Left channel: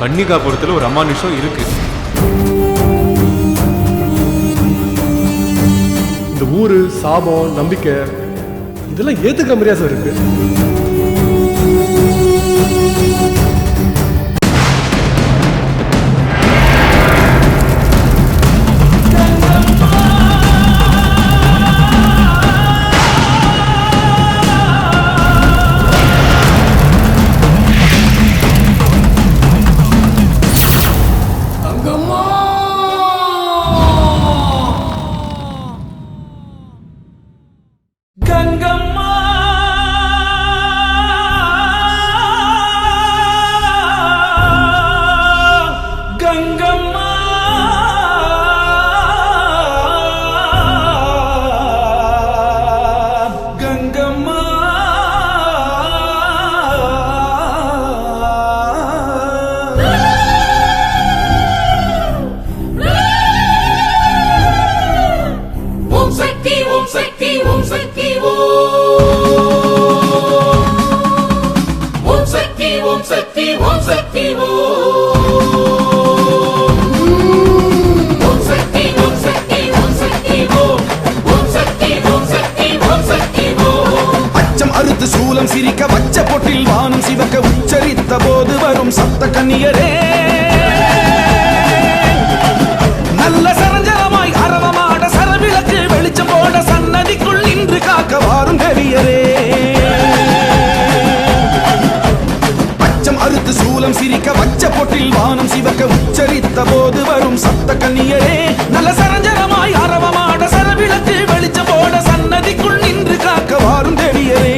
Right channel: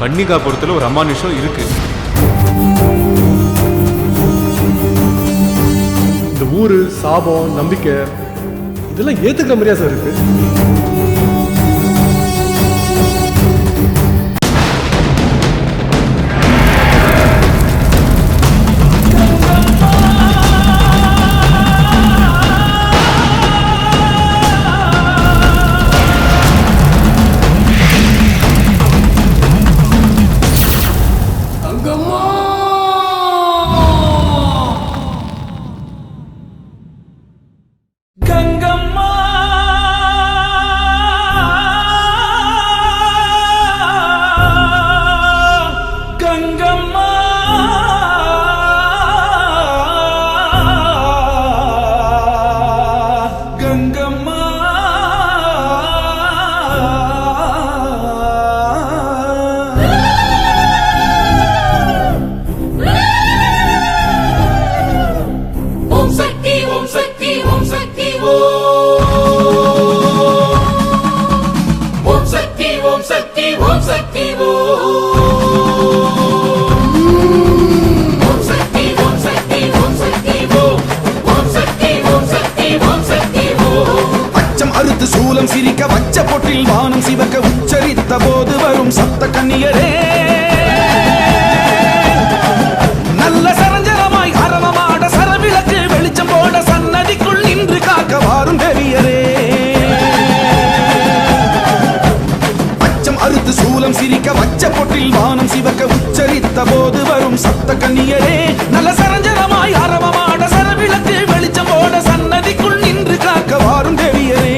கன்னிகாபுரத்துல ஒரு அமானுஷம் இருக்கு. இந்த ஊரு சாபம் நம்பிக்கை இதெல்லாம் ஏத்துக்கிற மாதிரியா சார் இருக்கு? கங்கம்மா கங்கம்மா கங்கம்மா ஓம் சக்தி ஓம் சக்தி ஓம் சக்தி ஓம் சக்தி ஓம் சக்தி ஓம் சக்தி ஓம் சக்தி ஓம் சக்தி ஓம் சக்தி ஓம் சக்தி ஓம் சக்தி ஓம் சக்தி அச்சம் அறுத்து சூலம் சிரிக்க வச்ச பொட்டில் வானம் சிவக்க உச்சரித்த போது வரும் சப்த கன்னியரே, நல்ல சரஞ்சரமாய் அரவமாட சரவிளக்கு வெளிச்சம் போட சன்னதிக்குள் நின்று காக்க வாரும் தேவியரே. அச்சம் அறுத்து சூலம் சிரிக்க வச்ச பொட்டில் வானம் சிவக்க உச்சரித்த போது வரும் சப்த கன்னியரே, நல்ல சரஞ்சரமாய் அரவமாட சரவிளக்கு வெளிச்சம் போட சன்னதிக்குள் நின்று காக்க வாரும் தேவியரே.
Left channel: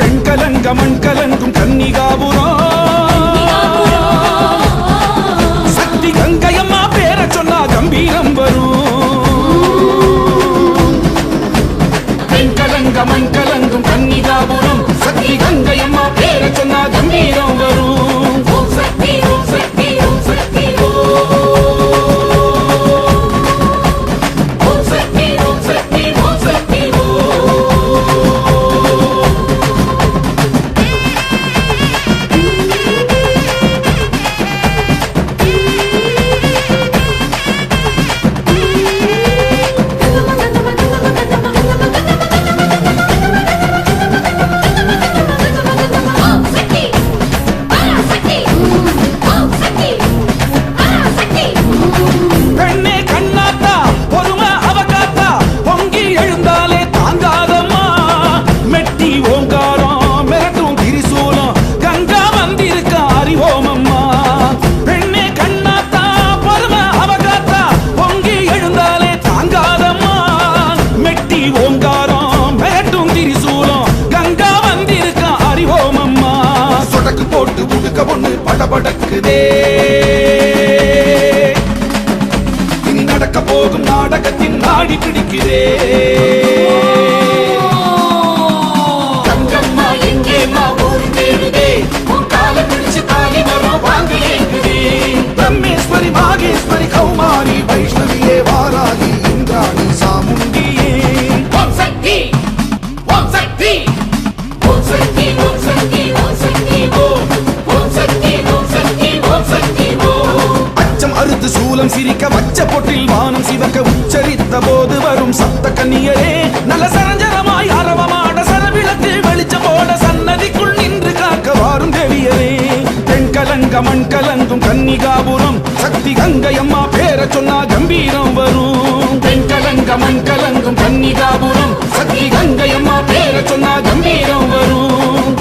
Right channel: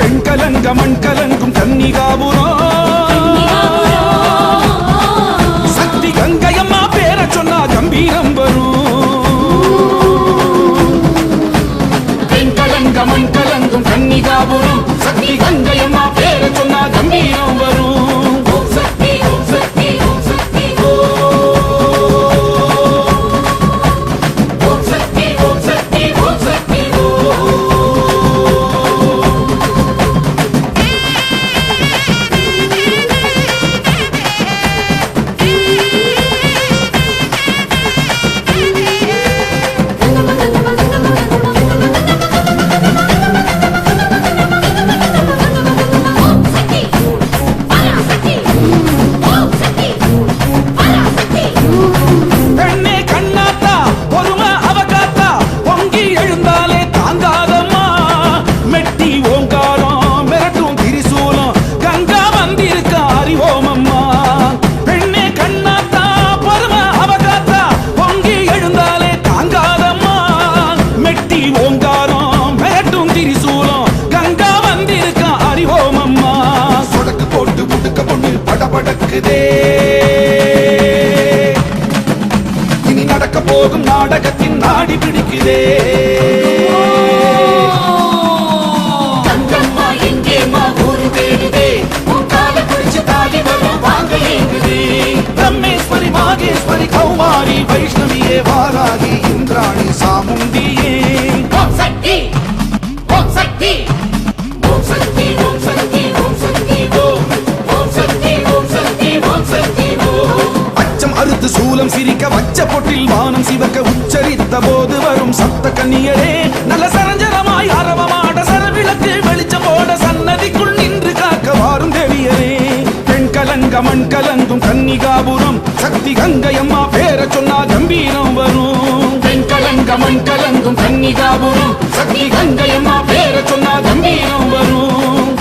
பெண் கலங்க மண் கலங்கும் கன்னிகாபுரம், சக்தி கங்கையம்மா பேர சொன்னா கம்பீரம் வரும். பெண் கலங்க மண் கலங்கும் கன்னிகாபுரம், சக்தி கங்கையம்மா பேர சொன்னா கம்பீரம் வரும். ஓம் சக்தி ஓம் சக்தி ஓம் சக்தி ஓம் சக்தி ஓம் சக்தி ஓம் சக்தி பெண்ணே கண்ணாத்தா பொறுமை அவகாத்தா, பொங்கி எழுந்தாலே தாங்காதம்மா. மெட்டி ஓங்காரம் மிரட்டும் திரிசூலம், கங்கா வந்திருக்க அறிவோம் அம்மா. பெண்ணே கண்ணாத்தா பொறுமை அவகாத்தா, பொங்கி எழுந்தாலே தாங்காதம்மா. மெட்டி ஓங்காரம் மிரட்டும் திரிசூலம், கங்கா வந்திருக்க அறிவோம் அம்மா. சொடக்கு போட்டு முடுக்க பொண்ணு படபடக்குதே, இனி நடக்க போகும் நாடகத்தின் நாடி பிடிக்கிறே. கங்கம்மா எங்கேம்மா ஊரு தேடுதே, உன் காலை பிடிச்சு தாலி வரும் வாக்கு ஏங்குதே. பிரம்மேஸ்வரி மாகேஸ்வரி கௌமாரி வைஷ்ணவியே வாராகி இந்திராணி சாமுண்டியே. ஓம் சக்தி ஓம் சக்தி ஓம் சக்தி ஓம் சக்தி ஓம் சக்தி ஓம் சக்தி ஓம் சக்தி ஓம் சக்தி அச்சம் அறுத்து சூலம் சிரிக்க வச்ச பொட்டில் வானம் சிவக்க உச்சரித்த போது வரும் சப்த கன்னியரே, நல்ல சரஞ்சரமாய் அரவமாட சரவிளக்கு வெளிச்சம் போட சன்னதிக்குள் நின்று காக்க வாரும் தேவியரே. பெண் கலங்க மண் கலங்கும் கன்னிகாபுரம், சக்தி கங்கையம்மா பேர சொன்னா கம்பீரம் வரும். பெண் கலங்க மண் கலங்கும் கன்னிகாபுரம், சக்தி கங்கையம்மா பேர சொன்னா கம்பீரம் வரும்.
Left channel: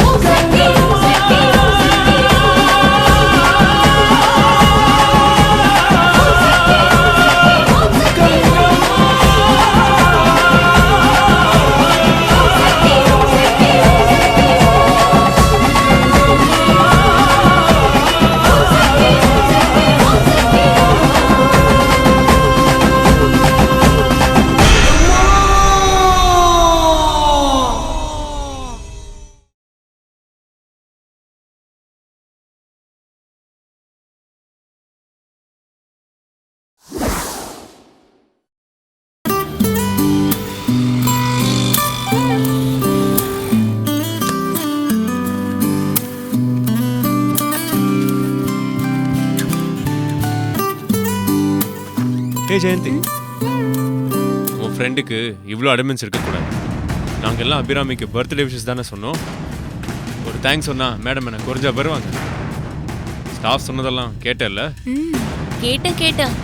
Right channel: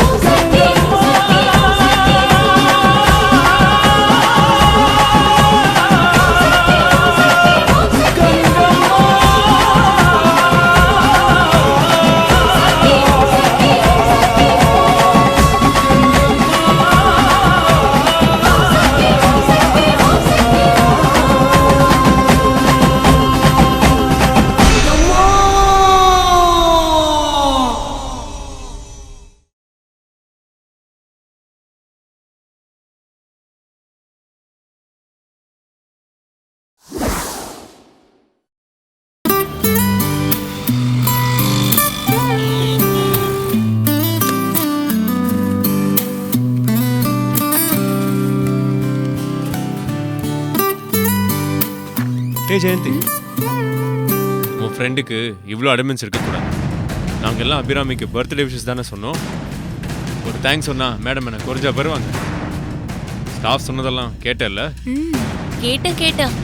ஏ ஜெயந்தி, உன் ஃப்ரெண்டுக்கு இவ்வளோ அடமென்ஸ் இருக்கக்கூடாது. நாங்கள் எல்லாம் அபிராமிக்கு பர்த்டே விஷஸ் தானே சொன்னோம். ஒரு தேங்க்ஸ் சொன்னா மேடம் என்ன குறைஞ்சா வருவாங்க. ஸ்டாஃப் சொன்னதெல்லாம் கேட்டல? கேட்டேன்.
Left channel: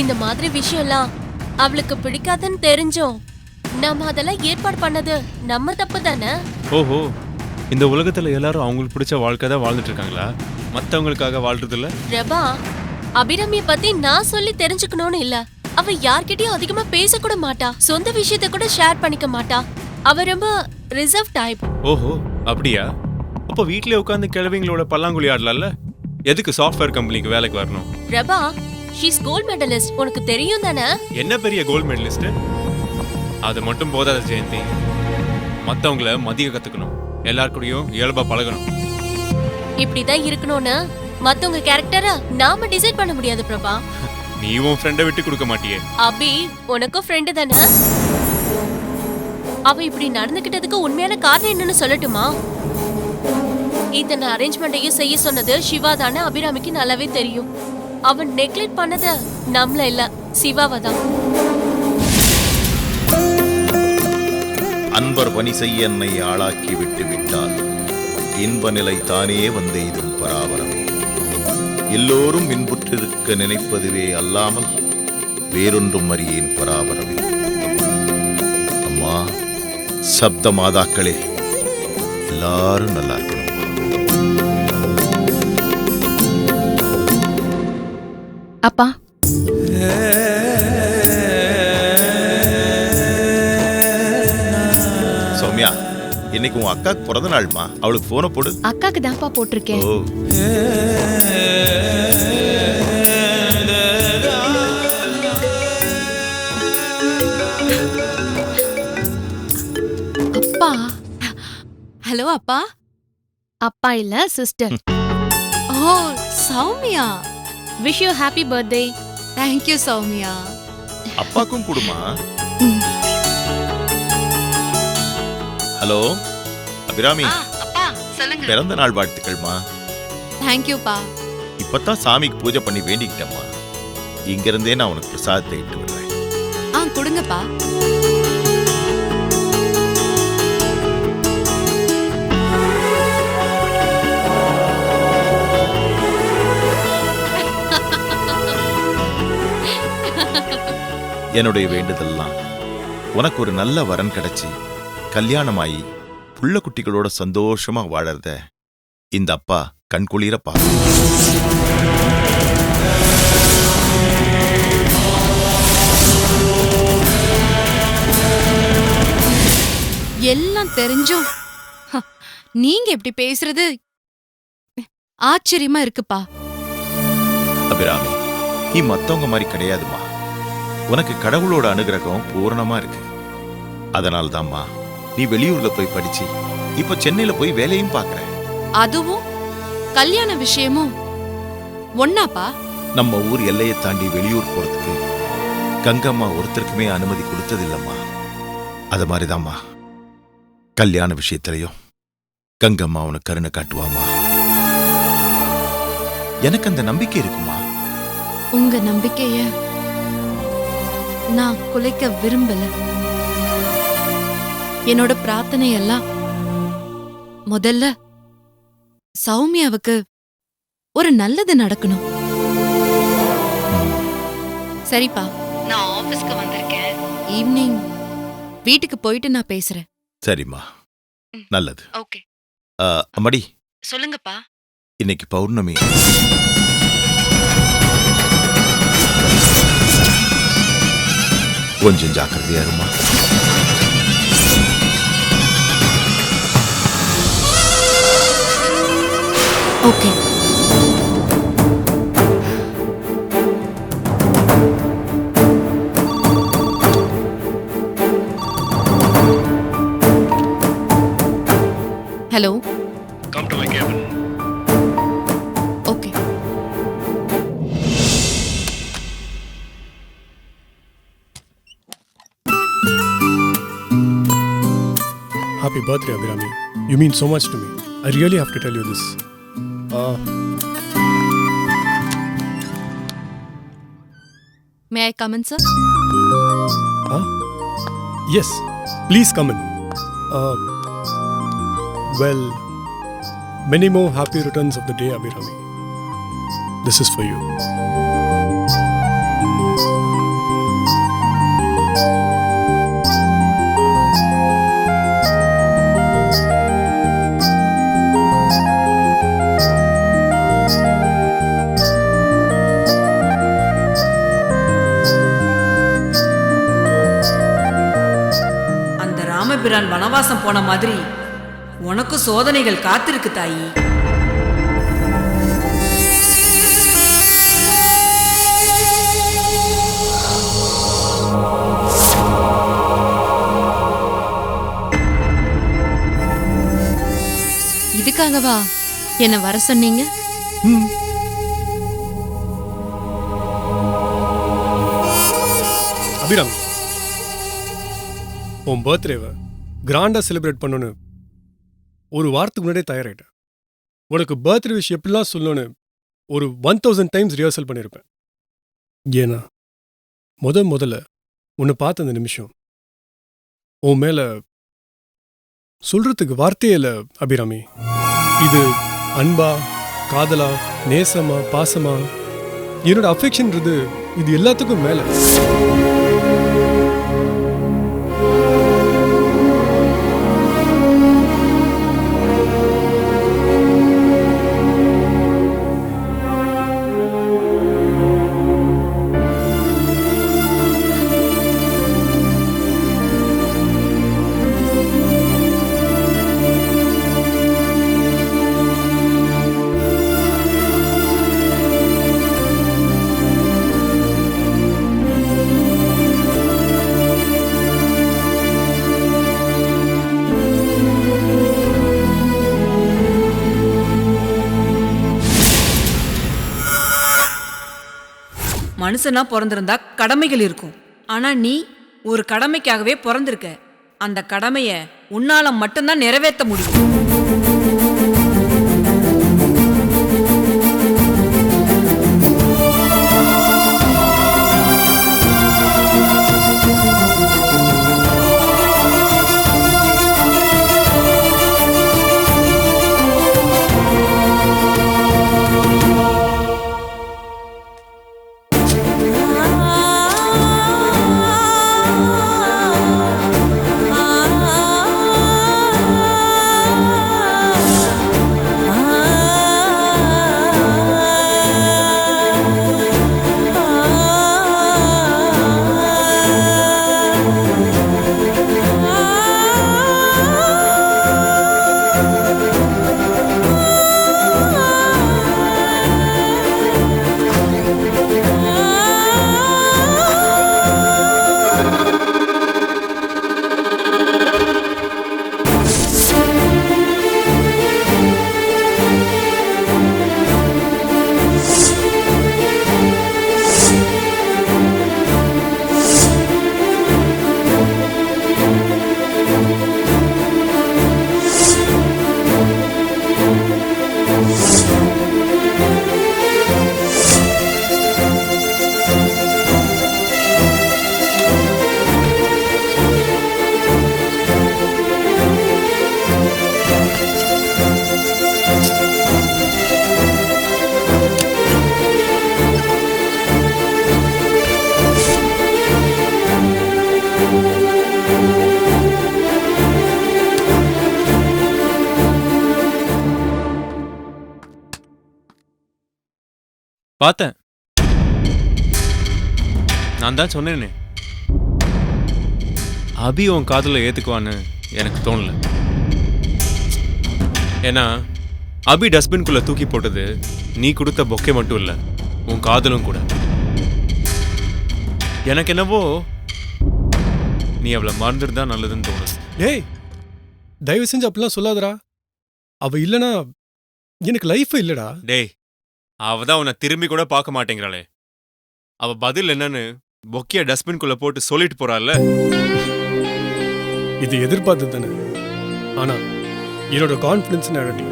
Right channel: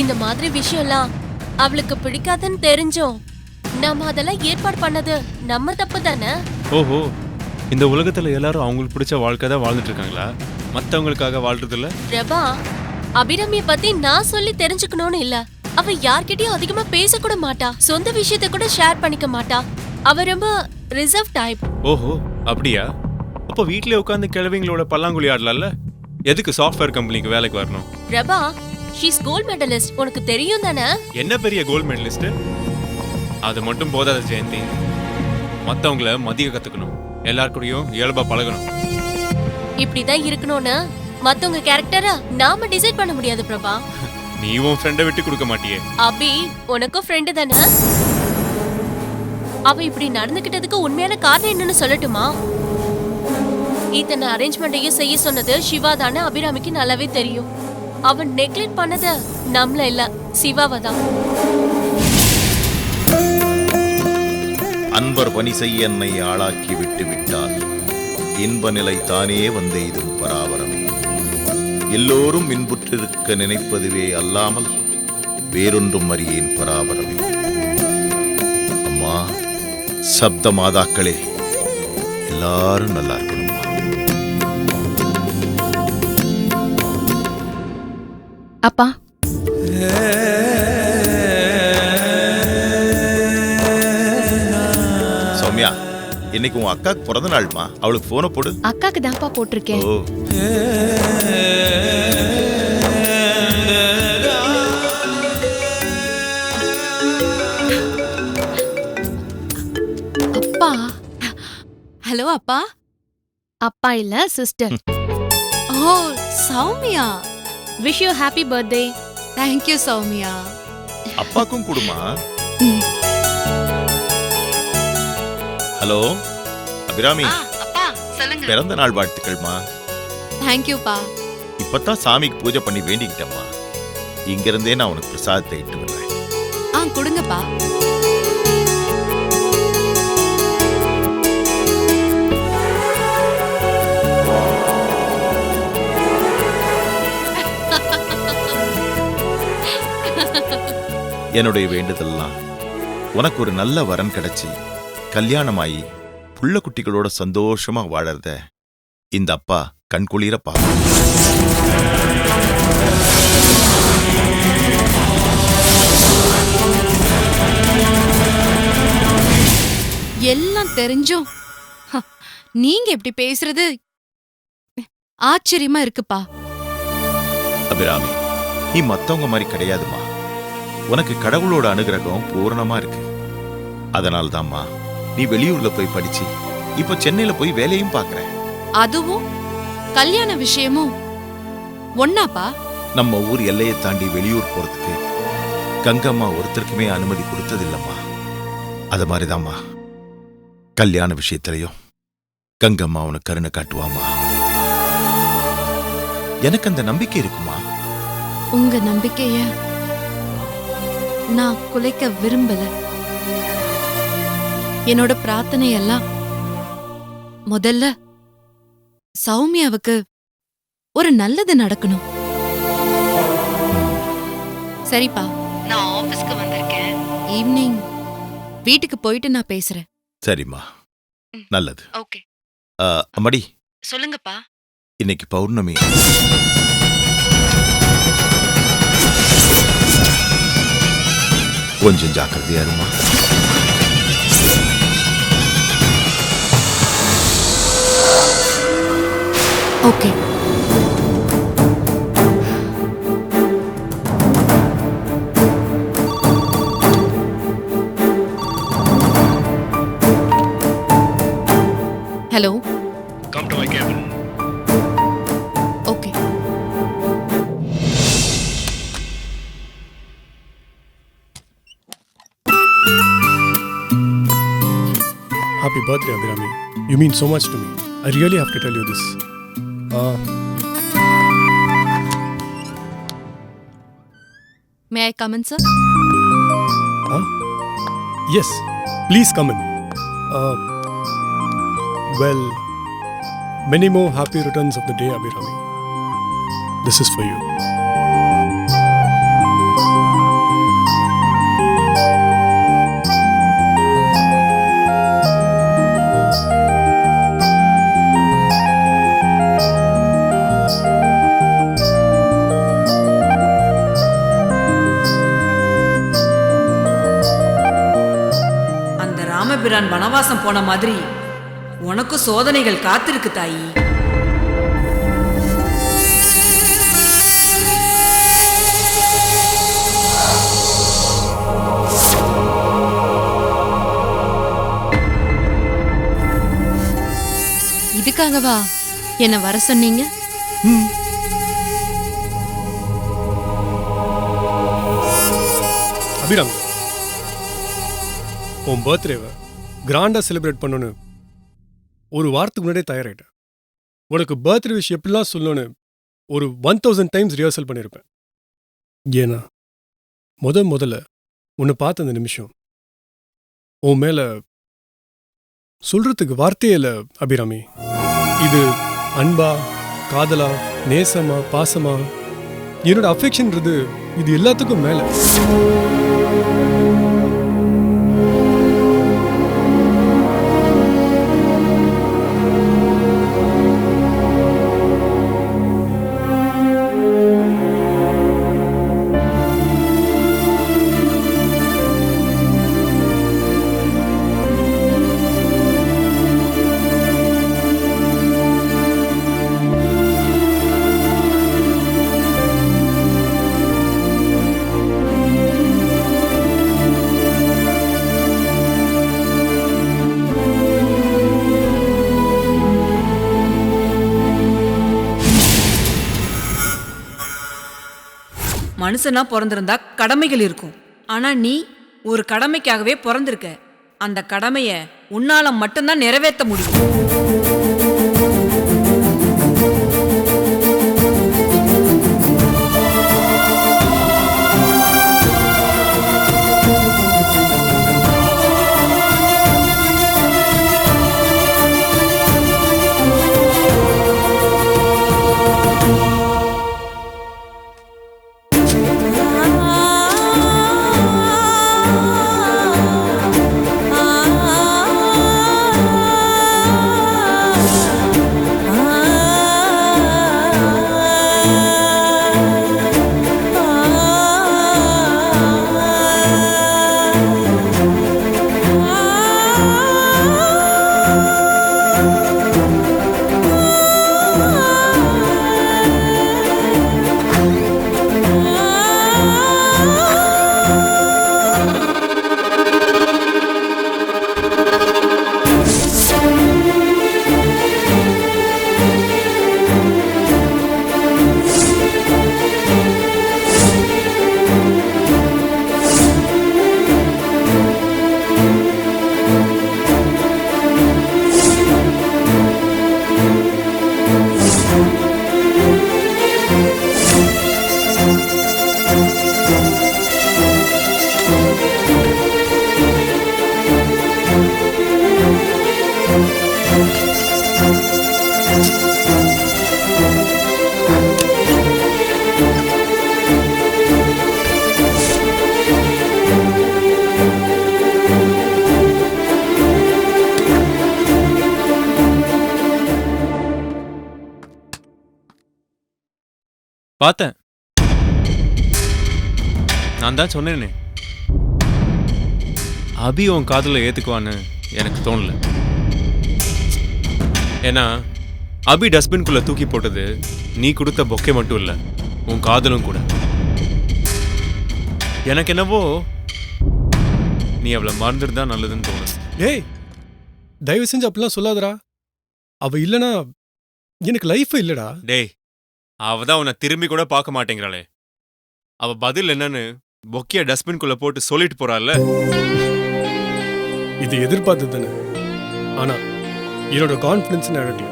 இந்த மாதிரி விஷயம்லாம் அவளுக்கு பிடிக்காதுன்னு தெரிஞ்சோம் நம்ம அதெல்லாம் ஏற்பாடு பண்ணது நம்ம தப்பு தானே. ஓஹோ, இந்த உலகத்துல எல்லாரும் அவங்களுக்கு பிடிச்ச வாழ்க்கை தான் வாழ்ந்துட்டு இருக்காங்களா? மற்றவங்களுக்காக வாழ்றது இல்ல? பிரபா, அபிராமிய பத்தி நான் சொல்லி தெரிஞ்சுக்கணும்னு இல்ல. அவ யார்கிட்டயும் அதிகமா பேசக்கூட மாட்டா, சொந்த விஷயத்த கூட ஷேர் பண்ணிக்க மாட்டா. அவ ரொம்ப ரிசர்வ் டைப். ஓஹோ, அப்படியா? அப்போ வீட்லயே உட்காந்து கிழவிங்களோட பல்லாங்குழி ஆடலாம்ல? எதுக்கு சாஃப்ட்வேர் கம்பெனிக்கு வேலைக்கு வரணும்? பிரபா, ஷீஸ் கோல்ட் மெடலிஸ்ட், உனக்கு தெரியும் தானே? என்ன பெரிய கோல்ட் மெடலிஸ்ட்? அது மட்டும் போதாத ஜெயந்தி, மற்றவங்கள மதிய கத்துக்கணும், எல்லாருக்கூடயும் இயல்பா பழகணும். இப்படிதான் இருக்கணும்னு மத்தவங்க கேரக்டரை நாம டிசைட் பண்ண முடியாது பிரபா. நீ உன் ஃப்ரெண்டை விட்டு கொடுக்க மாட்டியே. அபி, உனக்கும் ஃப்ரெண்டு தானே? அவ இப்படி நடந்துகிட்டதுக்கு உண்மையான காரணம் என்னன்னு சொல்லட்டுமா? இத்தனை அரேஞ்ச்மெண்ட்டையும் செய்ய சொன்னது சிவா தானே அபிராமிக்கு நல்லாவே தெரியும். அவன் நெக்லெக்ட் பண்ணது நம்மள இல்ல, சிவாவை தான். அன்பர் பணி செய்ய என்னை ஆளாக்கி விட்டு விட்டால் இன்ப நிலை தானே வந்தெய்தும் பராபரமே. எல்லோரும் இன்புற்றிருக்க நினைப்பதுவே அல்லாமல் வேறொன்றும் அறியேன் பராபரமே. அம்மா, சப்த மாதாக்களே, எல்லாரும் நல்லா இருக்கணும்மா. அப்பா, சௌமியா, இன்னைக்கு உன் அக்காக்கு பிறந்த நாள்மா, அவளுக்கு போனை போடு. அக்காக்கு தான்ப்பா போட்டிருக்கேன். ஓ, அப்பா. ஹலோ அப்பா. அப்பா இல்ல, sister. Oh, Soumya. Wish you happy birthday. Thank you Soumya. அப்பாக்கும் கொடுமா. ஹலோ அபிராமி, அப்பா சொல்லுங்க. பிறந்த நாள் வாழ்த்துக்கள்மா. தேங்க்யூப்பா. இப்பதான் சாமிக்கு பூஜை பண்ணி வேண்டிக்கிட்டம்மா. இங்க இருந்தே நான் உனக்கு பிரசாதத்தை இட்டு விடுறேன். கொடுங்கப்பா. என்னுடைய வேண்டுதல்லாம் உனக்கு ஒரு நல்ல வரன் கிடைச்சி கல்யாணமாயி புள்ள குட்டிகளோட சந்தோஷமா வாழறத இந்த அப்பா கண்குளிர பார்க்கணும். எல்லாம் தெரிஞ்சும் நீங்க எப்படி பேசுறது ஆச்சரியமா இருக்குப்பா. அபிராமி, நீ மத்தவங்க மாதிரி கிடையாதுமா. உனக்கு கடவுளோட அனுகிரகம் பூரணமா இருக்கு. அதனால்தாம்மா நீ வெளியூர்ல போய் படிச்சு இப்ப சென்னையில போய் வேலையும் பாக்குற. அதுவும் கல்யாண விஷயமும் ஒன்னாப்பா? நம்ம ஊர் எல்லையை தாண்டி வெளியூர் போறதுக்கு கங்கம்மா ஒருத்தருக்குமே அனுமதி கொடுத்ததில்லம்மா. அது மாதிரிதாம்மா கல்யாண விஷயத்திலையும் கங்கம்மா உனக்கு கருணை காட்டுவாமா. எனக்கு அந்த நம்பிக்கை இருக்குமா. உங்க நம்பிக்கைய நான் குலைக்க விரும்பல. என்னோட பிரார்த்தனை எல்லாம் முதல்ல சௌமியாவுக்கு ஒரு நல்லது நடக்கணும். சரிப்பா, நான் ஆபீஸ்க்கு வந்திருக்கேன். ஈவினிங் வீட்டுக்கு போயிட்டு நான் பேசுறேன். சரிம்மா, நல்லது. ஓகே. அம்மாடி, சொல்லுங்கப்பா. இன்னைக்கு பௌர்ணமி. கொஞ்சம் ஜாக்கிரதையா இருமா. Okay. Hello. Come to my cabin. Okay. Happy birthday, Abhirami. You mean so much to me. I really have to tell you this. May I come in sir? Yes, please come in. Well, many more happy returns of the day, Abhirami. This is for you. அந்த ராமபிரான் வனவாசம் போன மாதிரி உனக்கு சோதனைகள் காத்திருக்கு தாயி. இதுக்காகவா என்ன வர சொன்னீங்க? அபிராமி, உன் பர்த்டேவை கிராண்டாக செலிப்ரேட் பண்ணணும்னு ஒரு வாரத்துக்கு முன்னாடியே தயாராகிட்டேன். உனக்கு பர்த்டே விஷ் எப்படிலாம் சொல்லணும்னு ஒரு 1000 டைம்ஸ் ரிஹர்சல் பண்ணியிருப்பேன். ஏன்னா முதல்ல உன்னை பார்த்த அந்த நிமிஷம் உன் மேலே சொல்கிறதுக்கு வார்த்தையே இல்லை அபிராமி. இது அன்பா, காதலா, நேசமா, பாசமா, என்னோட அஃபெக்ஷன்றது இது எல்லாத்துக்கும் மேலே. மனுஷனா பிறந்திருந்தா கடமைகள் இருக்கும். ஆனா நீ ஒரு கடமைக்காகவே பிறந்திருக்க. அந்த கடமைய உன்னால மட்டும்தான் நிறைவேற்ற முடியும். பார்த்தேன். நான் தான் சொன்னேனே, அபி உன் காதலை ஏத்துக்குவான்னு எனக்கு தோணல. ஏன்னா அபி டஸ்ட்பின்குள்ள தூக்கி போட்டது நீ கொடுத்த பொக்கே மட்டும் இல்லை, உன் காதலும் கூட. எனக்கு என்னவோ நீ அவளை மறந்துட்டு தான் நல்லதுன்னு தோணுது. டேய், தயவு செஞ்சு அப்படிலாம் சொல்லாதடா. அவ இல்லைனா எனக்கு லைஃப் இல்லடா. டேய், அவ தான் உன்னை திரும்பி கூட பார்க்க மாட்டேங்கிறாளே. அவ பதில் என்னன்னு பொக்கிய டஸ்ட்பின்குள்ள போட்டு சொல்லிட்டு போறாள்ல. இது எதிர்பார்த்தது தானே. ஆனா என்னோட கான்ஃபிடன்ஸ் நடக்கல.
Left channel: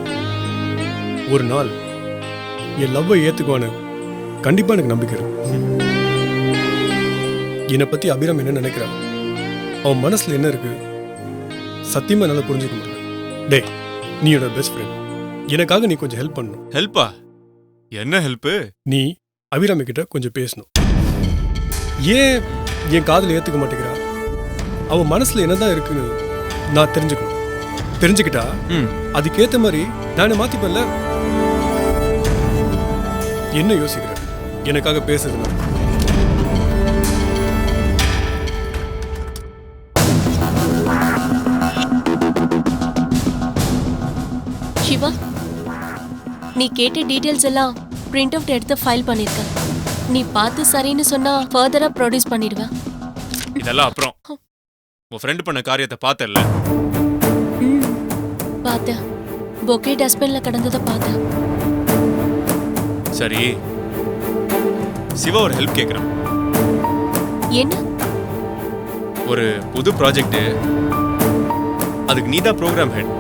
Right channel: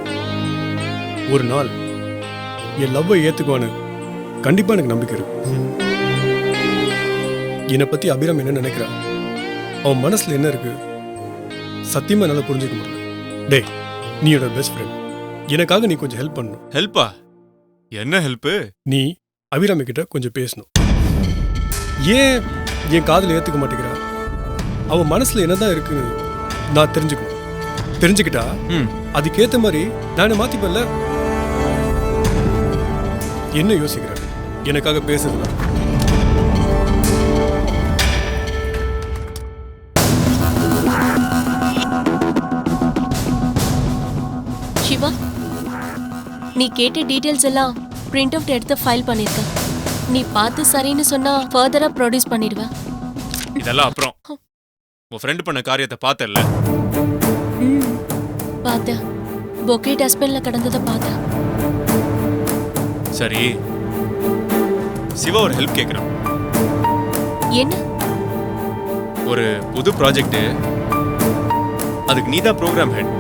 ஒரு நாள் என் லவ்வை ஏத்துக்குவான்னு கண்டிப்பா எனக்கு நம்பிக்கை இருக்கு. என்னை பத்தி அபிராமி என்ன நினைக்கிறான், அவன் மனசுல என்ன இருக்கு, சத்தியமா என்னால புரிஞ்சுக்க முடியல. டேய், நீ என்னோட பெஸ்ட் ஃப்ரெண்ட், எனக்காக நீ கொஞ்சம் ஹெல்ப் பண்ணணும். ஹெல்ப்பா? என்ன ஹெல்ப்பு? நீ அபிராமி கிட்ட கொஞ்சம் பேசணும். ஏன் என் காதுல ஏத்துக்க மாட்டேங்கிறா? அவ மனசுல என்னதான் இருக்குன்னு நான் தெரிஞ்சுக்கணும். தெரிஞ்சுக்கிட்டா அதுக்கேத்த மாதிரி நானே மாத்திப்பேன்ல. என்ன யோசிக்கிற? எனக்காக பேசுதுன்னா சிவா, நீ கேட்ட டீடைல்ஸ் எல்லாம் பிரிண்ட் அவுட் எடுத்து ஃபைல் பண்ணிருக்க. நீ பார்த்து சரின்னு சொன்னா ஃபர்தரா ப்ரொடியூஸ் பண்ணிடுவேன். இதெல்லாம் அப்புறம். உன் ஃப்ரெண்ட் பண்ண காரியத்தை பார்த்தல்ல? பார்த்தேன். பொக்கே டஸ்ட்பின்ல கிடந்ததை பார்த்தேன். சரி, சிவா ஒரு ஹெல்ப் கேட்குறான். என்ன? ஒரு புது ப்ராஜெக்ட், அதுக்கு நீதான் ப்ரோக்ராம் ஹெட்.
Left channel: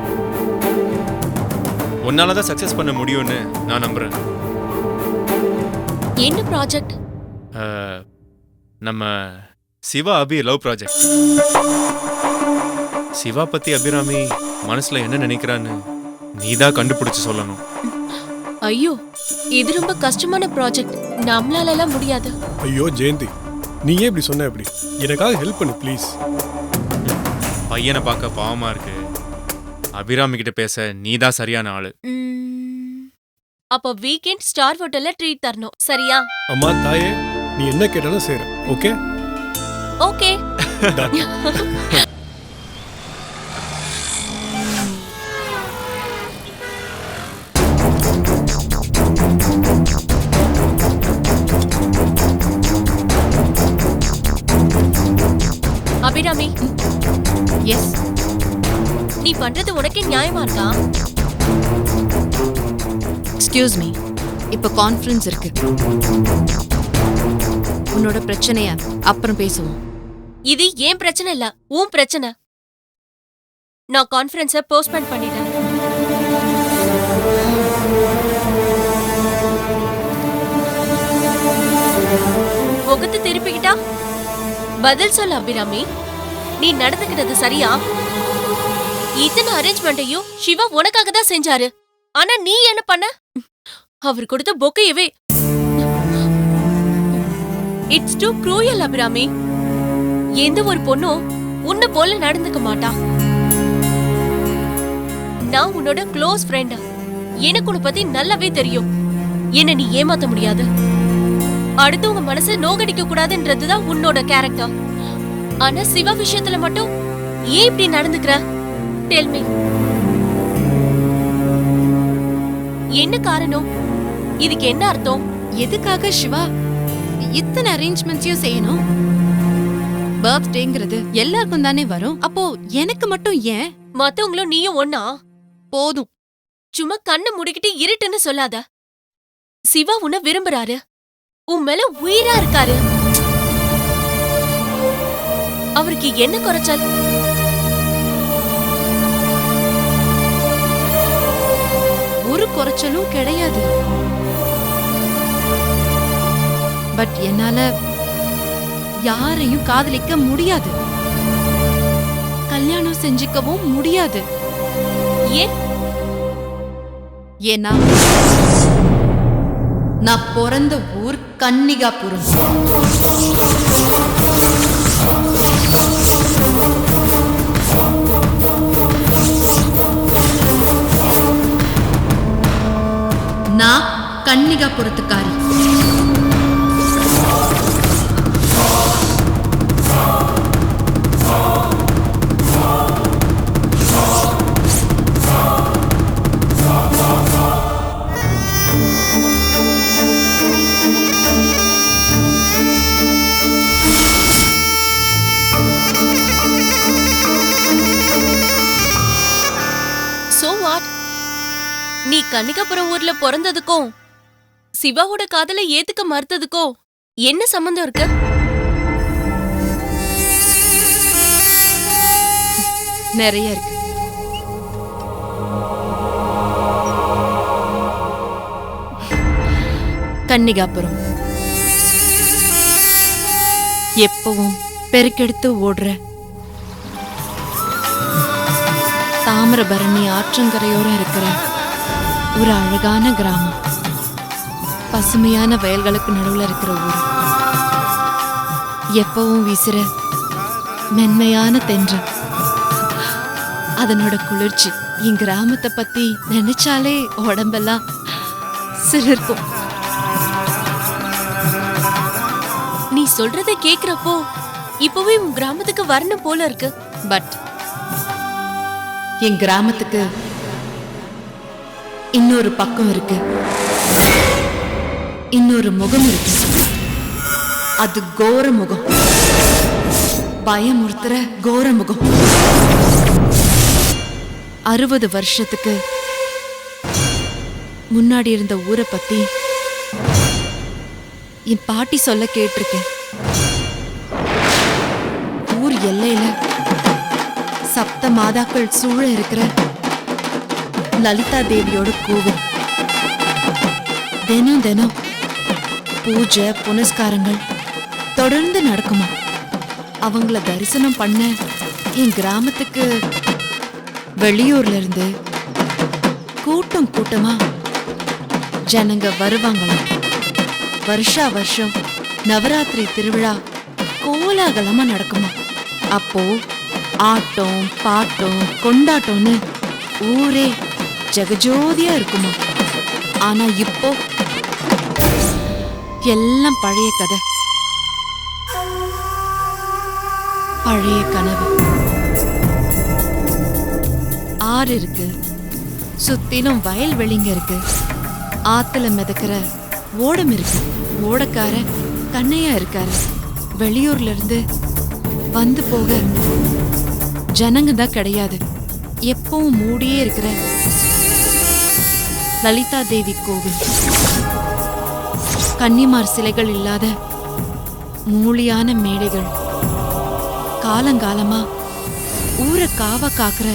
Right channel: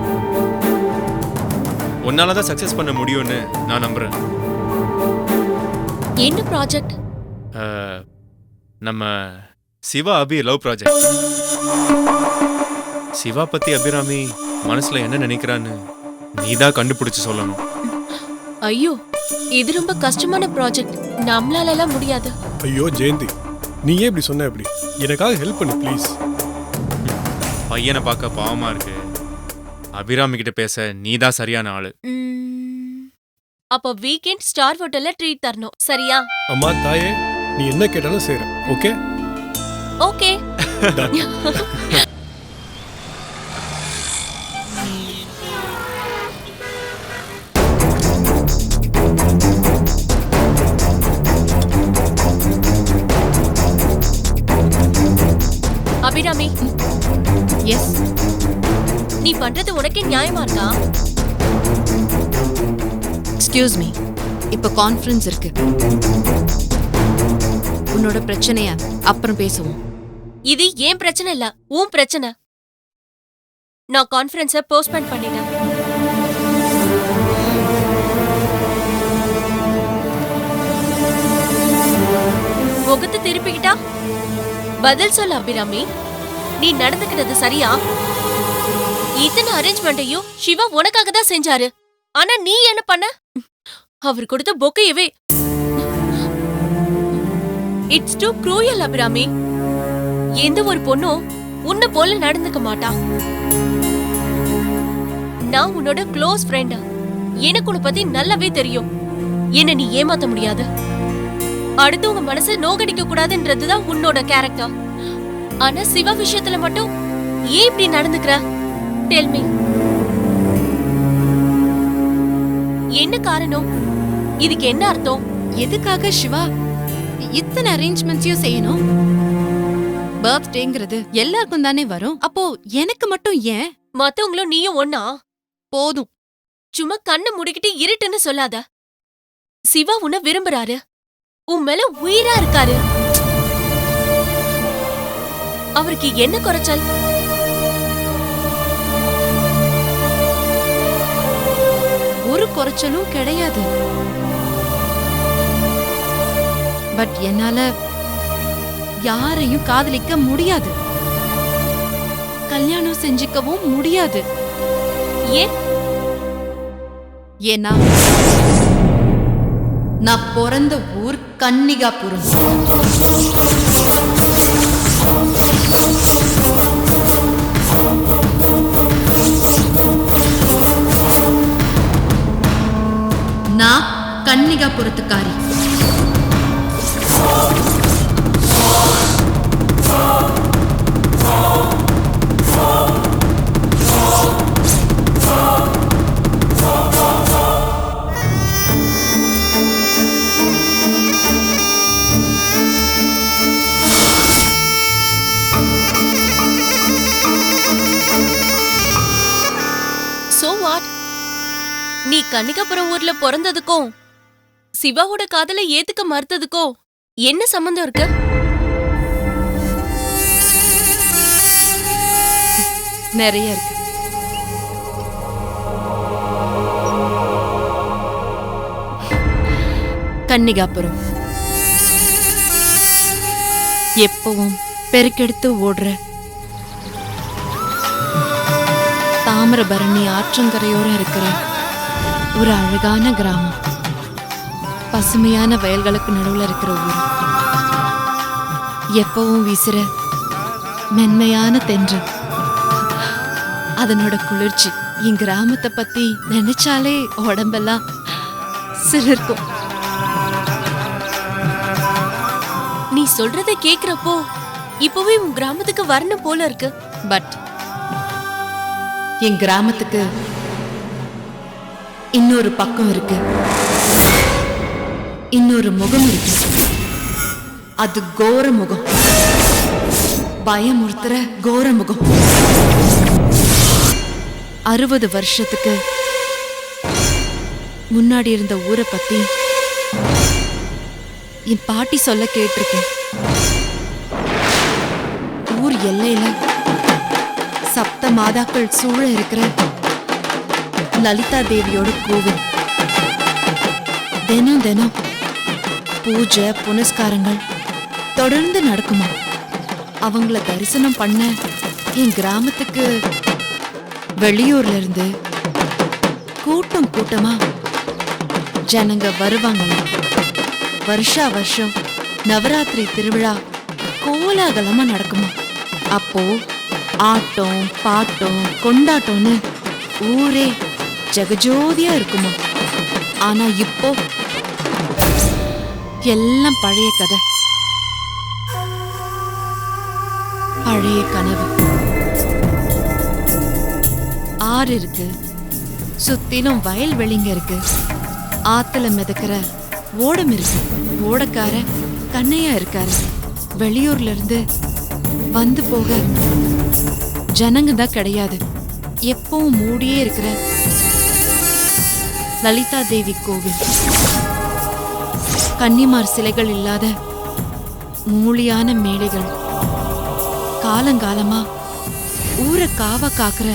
உன்னால தான் சக்சஸ் பண்ண முடியும்னு நான் நம்புறேன். என்ன ப்ராஜெக்ட்? நம்ம சிவா அபி லவ் ப்ராஜெக்ட். சிவா பத்தி அபிராமி மனசுல என்ன நினைக்கிறான்னு நீதான் கண்டுபிடிச்சு சொல்லணும். ஐயோ, இது ரொம்ப கஷ்டமான ப்ராஜெக்ட். நம்மளால எல்லாம் முடியாது. ஐயோ ஜெயந்தி, நீ ஏன் இப்படி சொன்ன? எப்படி எனக்காக ஹெல்ப் பண்ணு ப்ளீஸ். பையனை பார்க்க பாவமா இருக்கு. அபிராமி கிட்ட பேச நீதான் சரியான ஆளு. அப்ப வீக்கெண்ட் ஸ்டார் ஹோட்டல்ல ட்ரீட் தரணும், சரியா? அம்மா தாயே, நீ என்ன கேட்டாலும் செய்றேன். Okay okay. அபிராமி, எஸ். நீ பண்றது உனக்கே நியாயமா இருக்கா? எக்ஸ்கியூஸ் மீ, இப்ப கான்ஃபரன்ஸ் இருக்கு. உன்னோட பிரச்சனைய அப்புறம் பேசுவோம். இது ஏன் பிரச்சனை இல்ல, உன் பிரச்சனை. நான் கான்ஃபரன்ஸை போஸ்ட்போன் பண்ணிட்டேன். முகத்தை திருப்பிக்கிட்டா பதில் சொல்ல அபிராமி. நீ நடந்துக்கிட்டது சரியா? இத்தனை அரேஞ்ச்மெண்ட்டையும் சிவா உனக்காக தான் செஞ்சாரு. ஆனா நீ என்ன பண்ண? அவர் கொடுத்த பொக்கையவே. It's too cruel Abirami. எந்த ஒரு பொண்ணும் உன்னை போல நடந்துக்க மாட்டா. நான் உன்னோட க்ளோஸ் ஃப்ரெண்ட். எனக்கு உன்னை பத்தி நல்லாவே தெரியும். என்ன நீ ஏமாத்த முடியாது. அடுத்தவங்க மனசை நோகடிக்க கூடாதுன்றதுதான் உன்னோட கேரக்டர். ஆனா சிவா விஷயத்துல மட்டும் ஏன் இப்படி நடந்துக்கிற? Tell me. என்ன காரணம்? இதுக்கு என்ன அர்த்தம்? எதுக்காக சிவா இத்தனை அரேஞ்ச்மெண்ட்ஸையும் செய்யணும்? பர்த்டேங்கிறது எல்லாருக்கும் தானே வரும். அப்போ எனக்கு மட்டும் ஏன்? மத்தவங்களும் நீயும் ஒன்னா? போதும். சும்மா கண்ணை முடிக்கிட்டு இருட்டுன்னு சொல்லாத. சிவா உன்னை விரும்புறாரு. உன் மேல உயிரா இருக்காரு. அவருக்கு என்ன குறைச்சல்? ஒரு குறைச்சலும் கிடையாது. பட் என்னால யாரையும் காதலிக்க முடியாது. கல்யாணம் செஞ்சுக்கவும் முடியாது. ஏன்? ஏன்னா நான் பிறந்த ஊர் கன்னிகாபுரம். நான் கன்னிகாபுரத்துக்காரி. So what? நீ கன்னிகாபுரம் ஊர்ல பிறந்ததுக்கும் சிவாவோட காதலை ஏத்துக்க மறுத்ததுக்கும் என்ன சம்பந்தம் இருக்கு? நிறைய இருக்கு. கன்னிகாபுரம் எப்பவும் பெருக்கெடுத்து ஓடுற தாமிரபரணி ஆற்றங்கரையோரம் இருக்கிற ஒரு அழகான கிராமம். பசுமையான வயல்களுக்கு நடுவுல இருக்கிற ஊர். எப்பவும் வீசுற மென்மையான தென்றல், அதனோட குளிர்ச்சி என் கிராமத்தை பத்தி நினைச்சாலே உடம்பெல்லாம் சிலிர்க்கும். நீ சொல்றத கேக்குறப்போ இப்பவே உன் கிராமத்துக்கு வரணும் போல இருக்கு. பட் என் கிராமத்துக்கு இன்னொரு பக்கம் இருக்கு, இன்னொரு முகம் இருக்கு. அது கோர முகம், பயமுறுத்துற கோர முகம். 60 வருஷத்துக்கு முன்னாடி இருந்த ஊரை பத்தி என் பாட்டி சொல்ல கேட்டிருக்கேன். ஊர் எல்லையில சப்த மாதாக்கள் சூழ இருக்கிற லலிதா தேவியோட கோவில். தினம் தினம் பூஜை புனஸ்காரங்கள் தொடர்ந்து நடக்குமா. அவங்கள தரிசனம் பண்ண என் கிராமத்துக்கு வெளியூர்ல இருந்து கூட்டம் கூட்டமா ஜனங்க வருவாங்களாம். வருஷா வருஷம் நவராத்திரி திருவிழா கோலாகலமா நடக்குமா. அப்போ ஆட்டம் பாட்டம் கொண்டாட்டம்னு ஊரே ஜெகஜோதியா இருக்குமா. ஆனா இப்போ எல்லாம் பழைய கதை, பழைய கனவு. ஆறு இருக்கு, சுத்திலும் வயல்வெளிங்க இருக்கு, ஆத்துல மிதக்கிற ஓடம் இருக்கு. ஓடக்கார கண்ணையா இருக்காரு. வெளியூர்ல இருந்து வந்து போக ஜனங்க தான் கிடையாது. எப்பவும் மூடியே இருக்கிற லலிதா தேவி கோவில். கன்னிமார் சிலைகள் இல்லாத மூலியான மேடைகள். காலங்காலமா ஊரை காவ காக்குற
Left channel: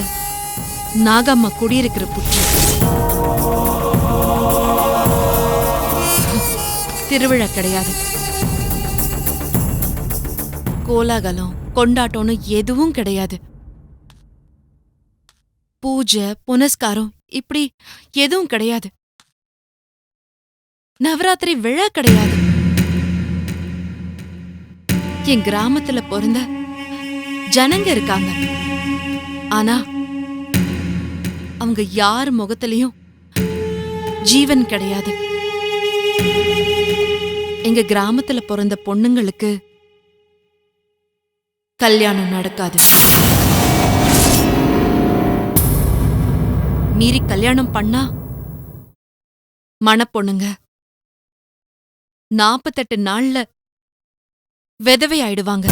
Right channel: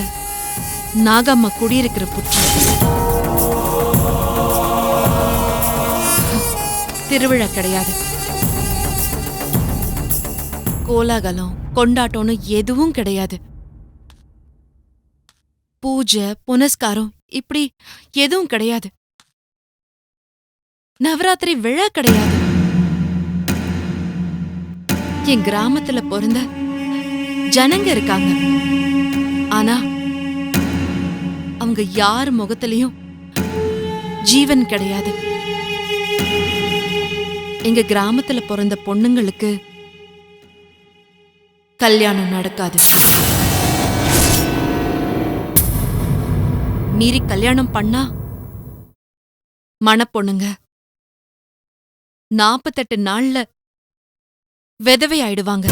நாகம்மா குடியிருக்கிற புற்று. திருவிழா கிடையாது, கோலாகலம் கொண்டாட்டம்னு எதுவும் கிடையாது. பூஜை புனஸ்காரம் இப்படி எதுவும் கிடையாது. நவராத்திரி விழா கிடையாது. என் கிராமத்துல பிறந்த ஜனங்க இருக்காங்க. ஆனா அவங்க யார் முகத்திலையும் ஜீவன் கிடையாது. எங்க கிராமத்துல பிறந்த பொண்ணுங்களுக்கு கல்யாணம் நடக்காது. மீறி கல்யாணம் பண்ணா மணப்பொண்ணுங்க 48 நாள்ல விதவை ஆயிடுவாங்க.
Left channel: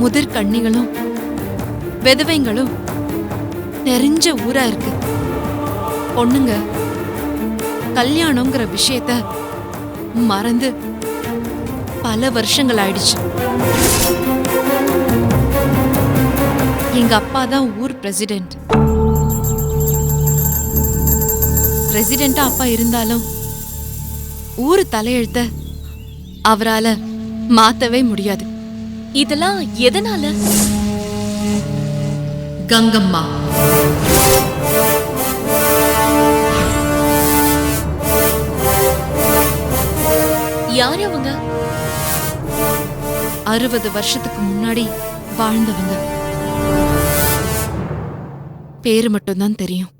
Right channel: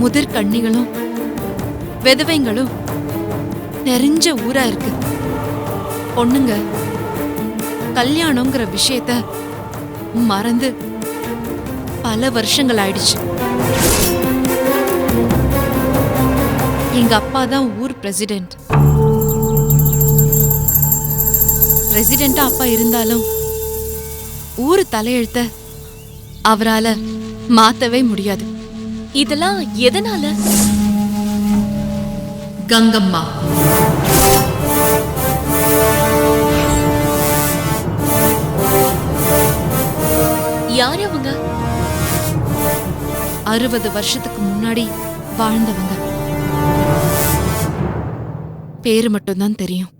முதிர் கண்ணிகளும் விதவைங்களும் நிறைஞ்ச ஊரா இருக்கு. பொண்ணுங்க கல்யாணங்கிற விஷயத்த மறந்து பல வருஷங்கள் ஆயிடுச்சு. எங்க அப்பா தான் ஊர் பிரசிடென்ட். பிரசிடென்டா அப்பா இருந்தாலும் ஊர் தலையெழுத்த அவரால மாத்தவே முடியாது. இதெல்லாம் எதனால? கங்கம்மா. யார் அவங்க? 60 வருஷத்துக்கு முன்னாடி வாழ்ந்தவங்க. பேரு மட்டும்தான் தெரியும்.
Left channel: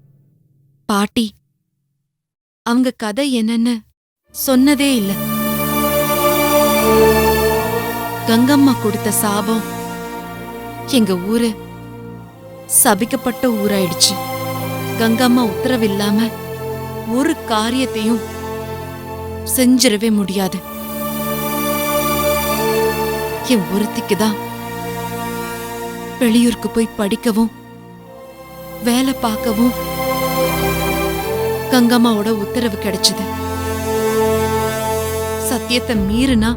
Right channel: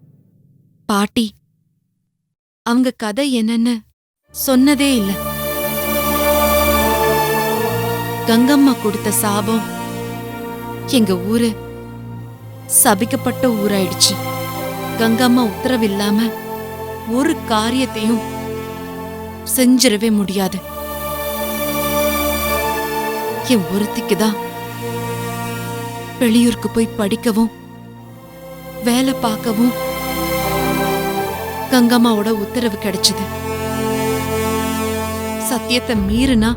பாட்டி அவங்க கதை என்னன்னு சொன்னதே இல்ல. கங்கம்மா கொடுத்த சாபம் எங்க ஊரு சபிக்கப்பட்ட ஊராயிடுச்சு. கங்கம்மா உத்தரவில்லாம ஒரு காரியத்தையும் செஞ்சிடவே முடியாது. என் ஒருத்திக்குதான் வெளியூருக்கு போய் படிக்கவும் வேலை பார்க்கவும் கங்கம்மாவோட உத்தரவு கிடைச்சது. சத்தியத்தை மீறினா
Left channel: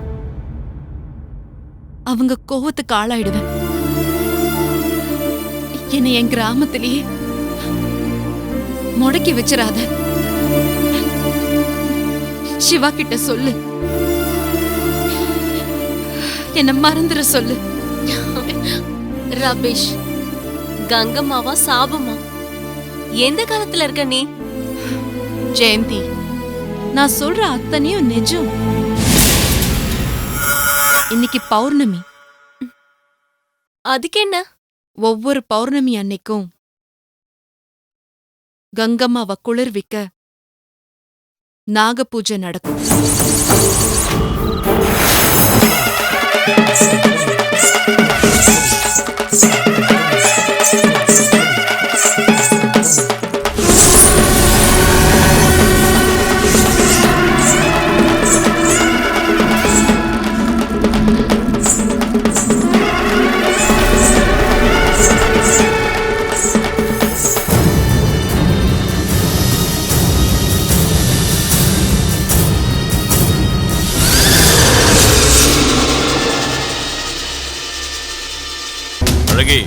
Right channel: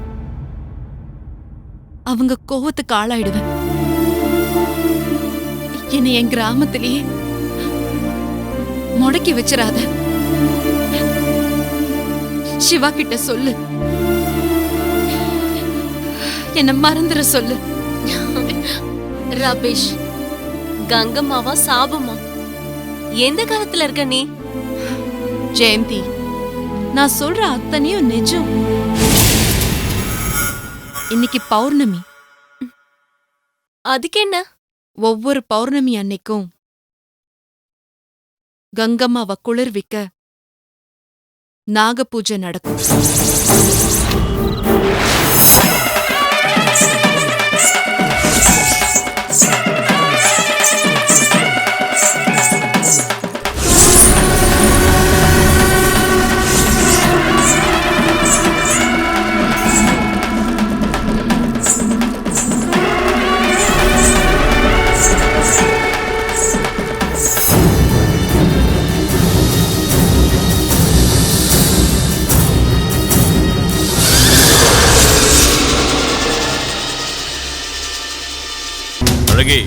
அவங்க கோவத்துக்கு ஆளாயிடுவேன். என்னை என் கிராமத்திலேயே முடக்கி வச்சிராத. சிவா கிட்ட சொல்லு, என்ன மறந்துட சொல்லு. ரபிஷ், கங்கம்மாவா சாபமா? எந்த காலத்துல இருக்க நீ? ஜெயந்தி, நான் சொல்ற அத்தனையும் நிஜம். இன்னைக்கு பௌர்ணமி. அதுக்கு என்ன? ஒவ்வொரு பௌர்ணமி அன்னைக்கும் கங்கம்மாவை குளிர்விக்க நாக பூஜை நடக்கும். அழகி.